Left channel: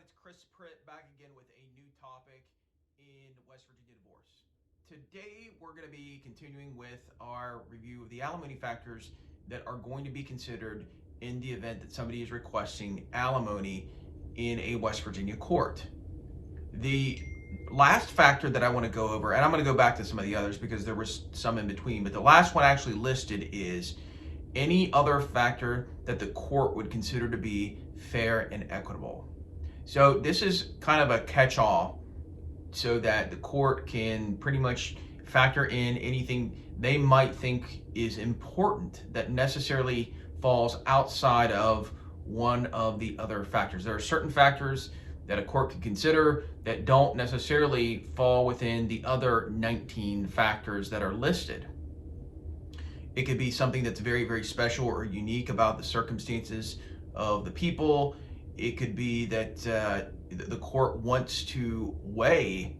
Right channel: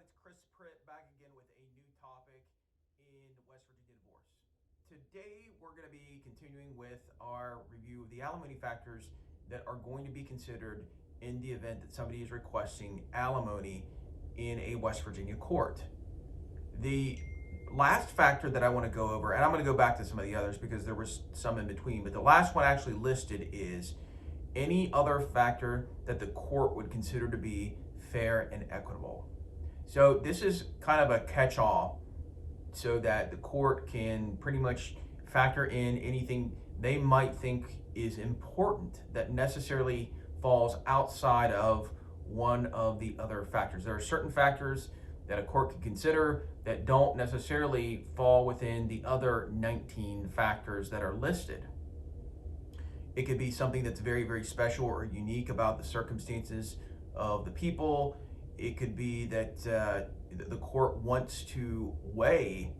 It's Chris Pritt back again with a new topic in West Virginia divorce. Today, we're going to be continuing with our review of the alimony factors that are going to be considered in the event that somebody is requesting alimony in a West Virginia court. The last factor that I want to go over, and I'm going to go back to some of the others because there was some in between, but the last one actually listed is any other factor that the court would consider to be fair and equitable. So this is kind of a catch-all so that the court can pretty much factor in anything they might think is important that necessarily falls outside of one of the other factors. There are certain factors that a court can consider that don't necessarily fall within the other 19 factors that are listed. It could be something that's very, very special or unique about the circumstances of the people. It could be that the court wants to weigh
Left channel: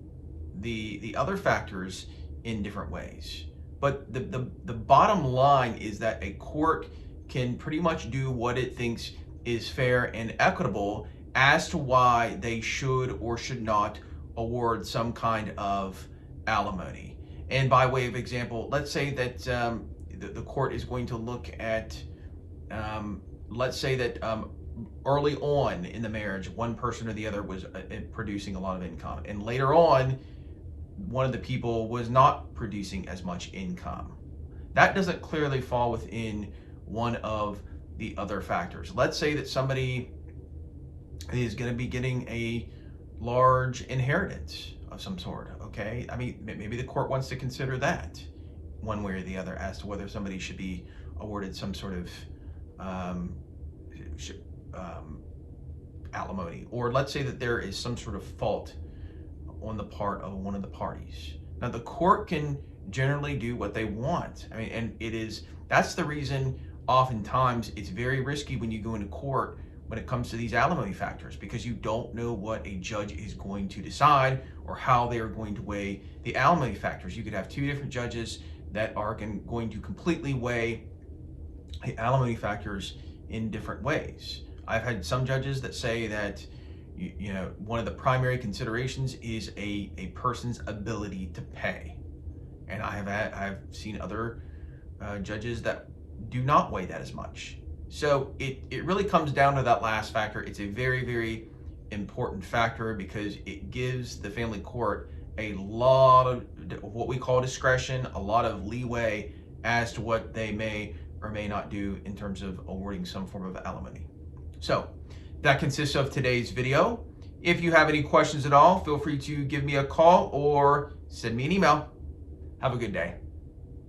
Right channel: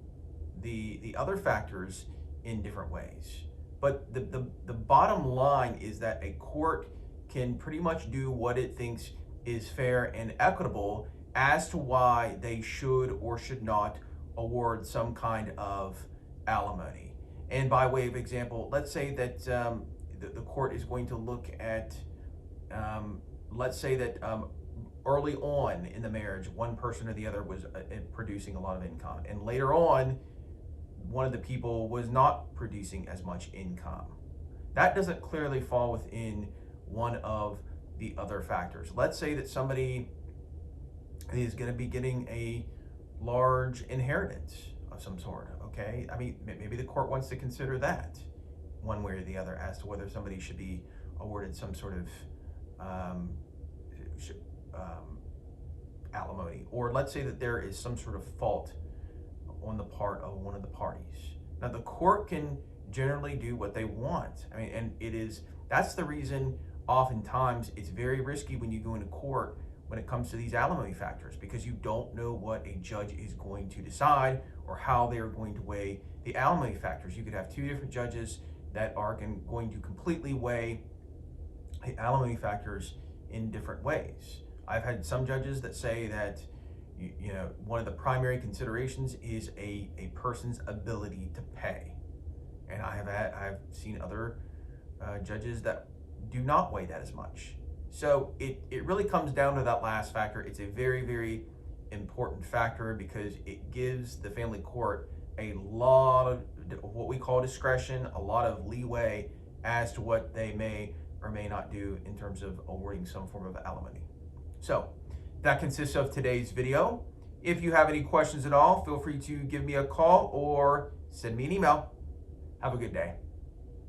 the other factors in different ways. But the bottom line is that a court can pretty much do what it thinks is fair and equitable as to why they should or should not award some kind of alimony. And by way of example, let's say that the court is going to look at, let's say that early on in the marriage, one person or the other was producing a lot of income, and later on, one of the people was not producing as much income. That doesn't clearly fall within one of the other factors. Let's say that somebody is going to be getting a large inheritance of some sort, okay? I mean, maybe the court wants to consider that one way or the other as to whether somebody should be awarded some sort of alimony. Or let's say that there is some sort of fault on the part of one of the parties. Now, the court can generally do what they want. I mean, and that's the reason oftentimes it's very risky when you go into court when it comes to these alimony factors, because you don't know what a judge is going to decide or how they are going to weigh the alimony factors. You could have two different judges that are going to completely weigh the alimony factors in different ways. I've had some judges that say that one of the primary considerations is a person's ability to pay, and I've seen other judges that do not weigh that as much. So it really comes down to that last factor. It's a very, very important factor because it gives the family court a lot of what we call discretion, a lot of leeway as to what they may or may not do in terms of awarding some form of alimony. So that consists of today's video. If you have any questions at all, feel free to give me a call or send me an email. Have a good day.